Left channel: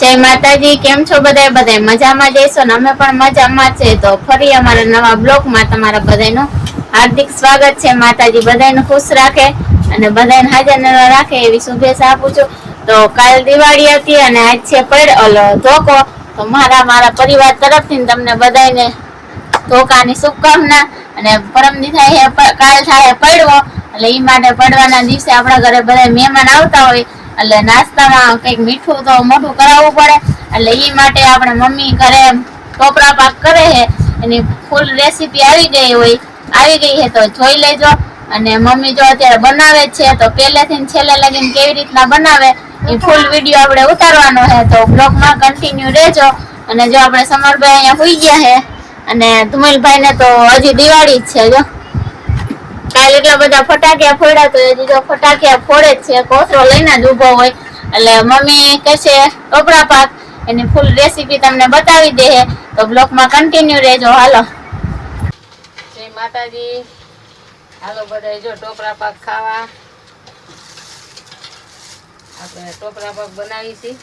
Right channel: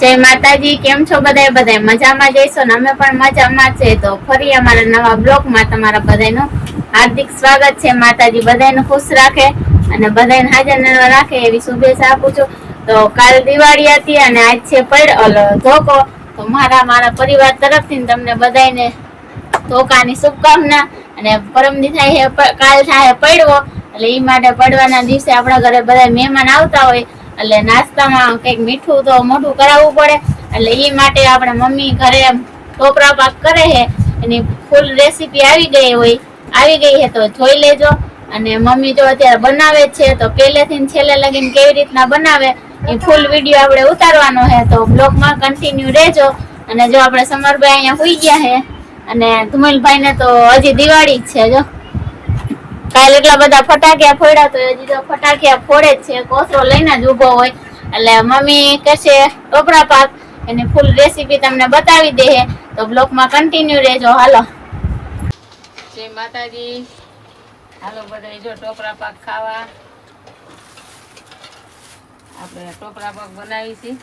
જય માતાજી, કેમ છો બધાય? બધાય મજામાં જઈશો ને? અમે પણ મજામાં છે. તો ફરી અમારા નવા બ્લોગમાં તમારા બધાનું હાર્દિક સ્વાગત છે. માતાજી બધાને ખુશ રાખે અને બધાને હાજર રાખે એવી શુભેચ્છા આપું છું. તો કાલ દિવાળી હતી અને આજ છે પડ ધોકો. તો મારા મારા પરિવાર તરફથી તમને બધાને ધોકાની શુભકામના અને પરમ દી થાય કાલ થાય પડવો. એટલે ઈ માટે પડવાના દિવસે આપણા ઘરે બધા મહેમાન આવતા હોય, એટલે નાસ્તામાં કંઈક મીઠું તો મોઢું કરાવવું પડે, એટલે ઈ માટે આપણે મમ્મી ઘરે ટોપરા પાક કરે છે, એની ફૂલ રેસીપી આવી ગઈ હોય, આવી ગઈ છે તો જોઈ લેજો. અને મમ્મી જો અત્યારે બનાવે છે તો પહેલેથી છેલ્લે લગીને કેવી રીતના બનાવે, એ ફૂલ વીડિયો આપણે ઉતારવાનો છે, તો બ્લોગમાં કન્ટિન્યુ રહેજો. અને જો આપણે સમરભાઈ અહીંયા હોઈ ગયા છે, અને ધુમેલભાઈ ને તો હજી દિવાળી જ છે જો. કાલ એટલા બધા ફટાકિયા ફોડ્યા તો હજી જો ફટાકિયા ફોડે છે. કોસરો લઈને જ ઊભો હોય. એટલે મમ્મી કહેશે, કપડા પાક. એની ફૂલ રેસીપી તમને બતાવી દે તો બ્લોકમાં કન્ટિન્યુ રહેજો. હાલો. જય માતાજી. હાલો બધા જો ટોપરા પાક ખાવા. આપણે ટોપરા પાક બનાવી છીએ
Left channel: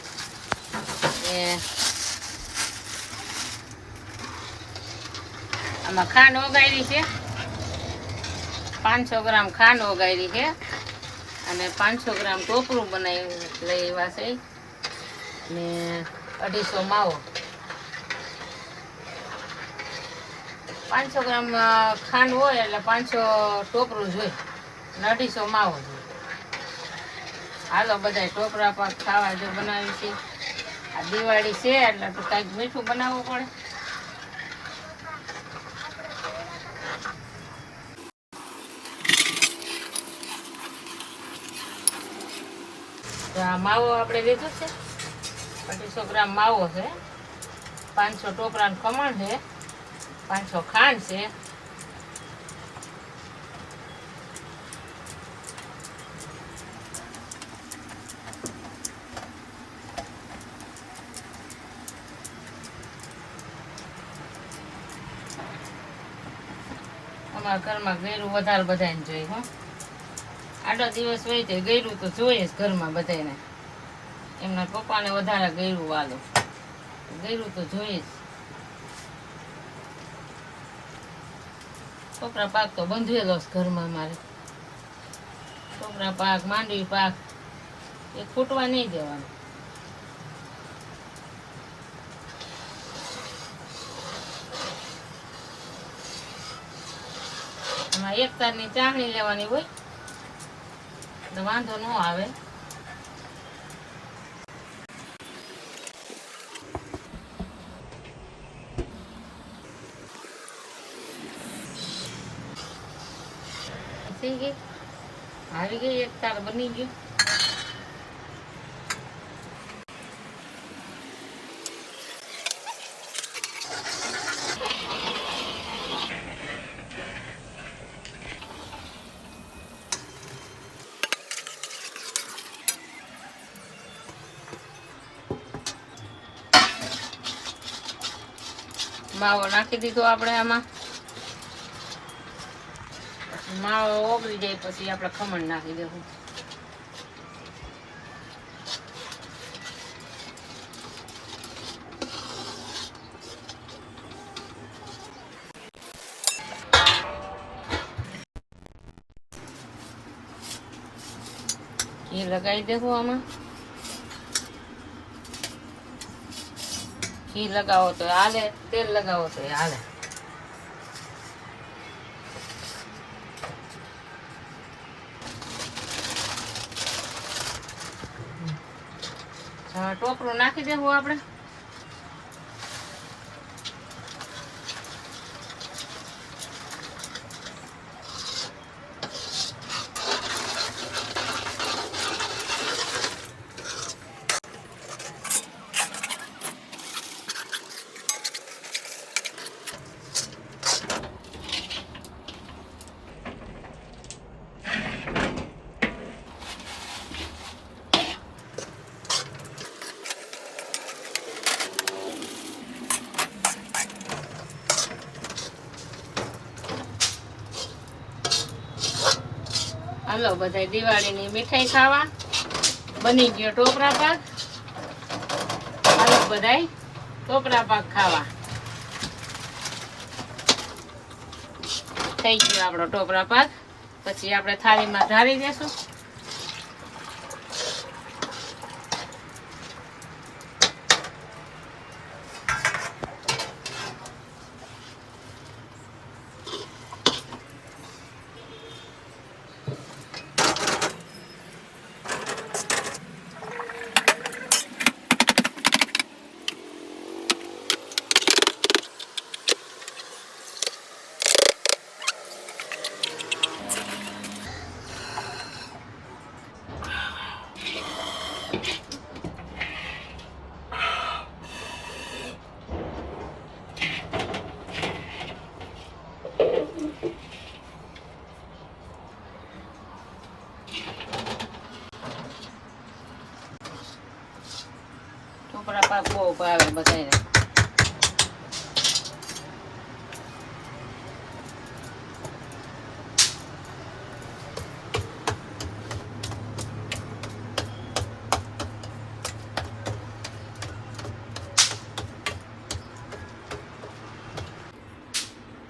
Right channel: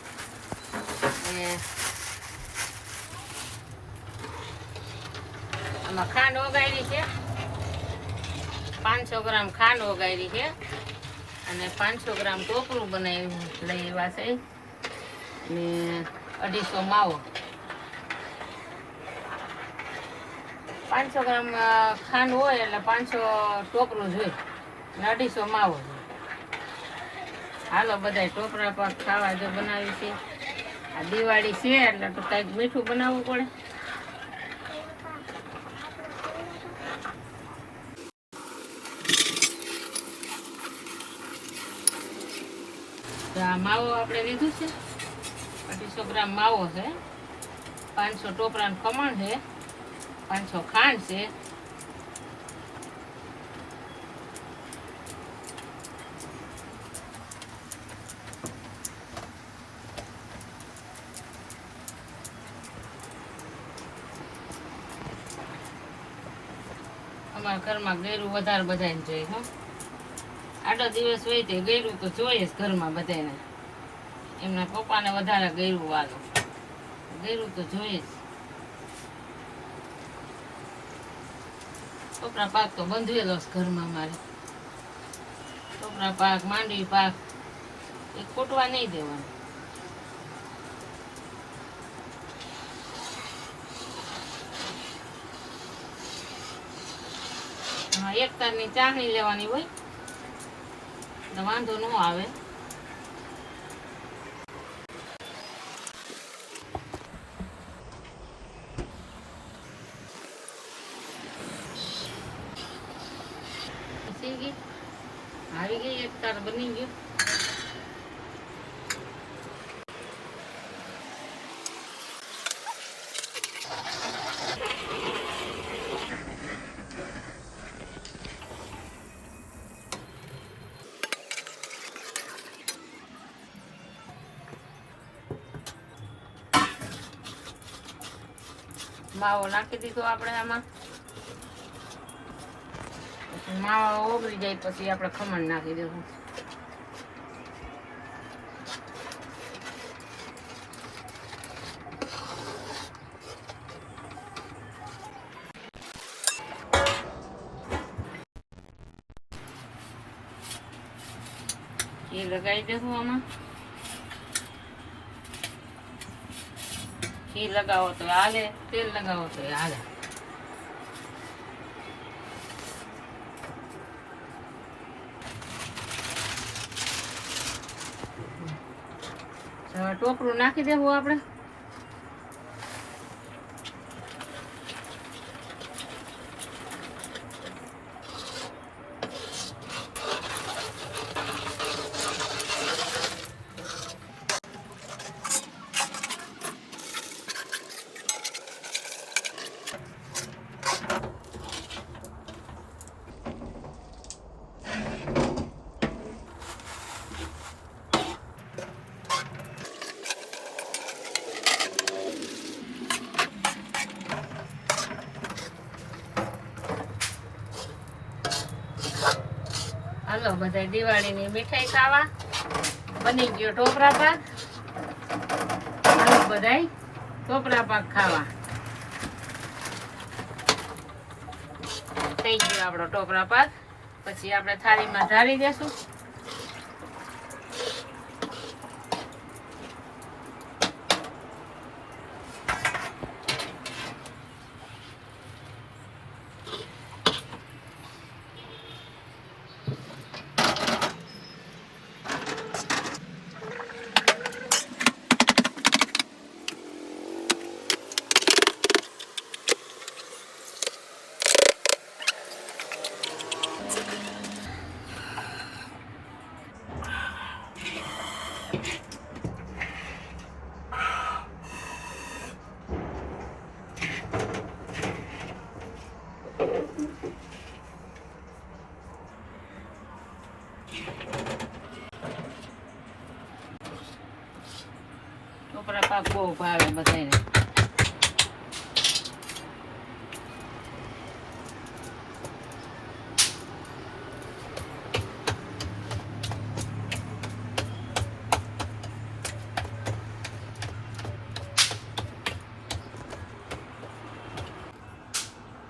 આમાં ખાંડ ઓગાળી છે. પાંચસો ગ્રામ ખાંડ વગાડી છે. અને પાંચસો ગ્રામ ટોપરું બનાવી લઈ આવ્યા છે. ને અઢીસો માવો. પાંચસો ગ્રામ ખાંડ હોય એટલે પાંચસો ટોપરું જોઈએ અને અઢીસો માવો હાલો બધા ટોપરા પર ખાવા જો બનાવી છે. આ દિવાળી છે એટલે તો કાંઈક મીઠું બનાવવું પડે. તો આ માવો આપણે લીધું છે. અઢીસો ગ્રામ માવો છે. પાંચસો ટોપરાનું ખમણ છે. પાંચસો ખાંડ છે. અમારા ઘરમાં ગેરું વધારે બધાને જોઈએ, હો. આટલો દિવસ હોય તે ગયરું તો જોઈએ જ ઘરમાં બધાને એમના પપ્પાને વધારે ગયરું વાલો. ગયરું તો જોઈએ જ. ટોપરા પાક તો બંધવેલો છે ઘરમાં મારે. ટોપરા પાક, માંડવી પાક, એ ખૂટવા નહીં દેવાનું. એક તારની ચાણી લેવાની હોય. વાંધો ન આવે. થઈ ગઈ એક તાર બની ગઈ? માવો નાખી દીધો આપણે આમાં. માવો ઓગળી જાય પછી આપણે ખમણ નાખી દઈશું એ લગાવી દેવું આમાં. ઘી લગાવો તો હાલે તેલ લગાવો તો હાલે. ટોપરું નાખી દેવું આપણે. હાલો બધા દિવાળીની મીઠાઈ ખાવા. બની ગયો ટોપરા પાક હાલો, બધાય ટોપરા પાક ખાવા. થઈ ગયો આપણો ટોપરા પાક પછી આપણે થાળીમાં ઢાળી દેશું. ટોપરા પાક બહુ ભાવે બધાને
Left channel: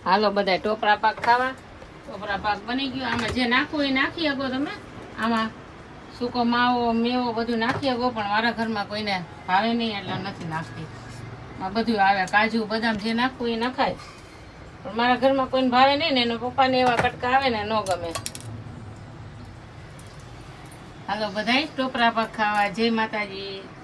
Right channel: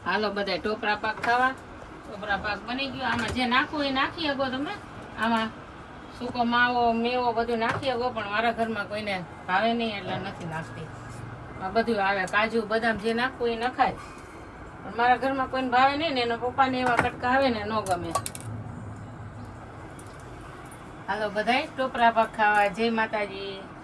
હાલો બધા ટોપરા પાક ખાવા? ટોપરા પાક બની ગયો. આમાં જે નાખવું એ નાખી શકો તમે. આમાં સૂકો માવો, મેવો બધું નાખીએ ગો પણ મારા ઘરમાં કોઈને ભાવે નહીં એટલે નથી નાખતી. બધું આવે, કાજુ, બદામ જે નાખવું એ નખાય. પણ મારા ઘરમાં કોઈને ભાવે નહીં ને એના પપ્પાને એવા કટકા આવે ને ન ગમે. હાલો, બધાય ટોપરા પાક ખાવા. જય માતાજી.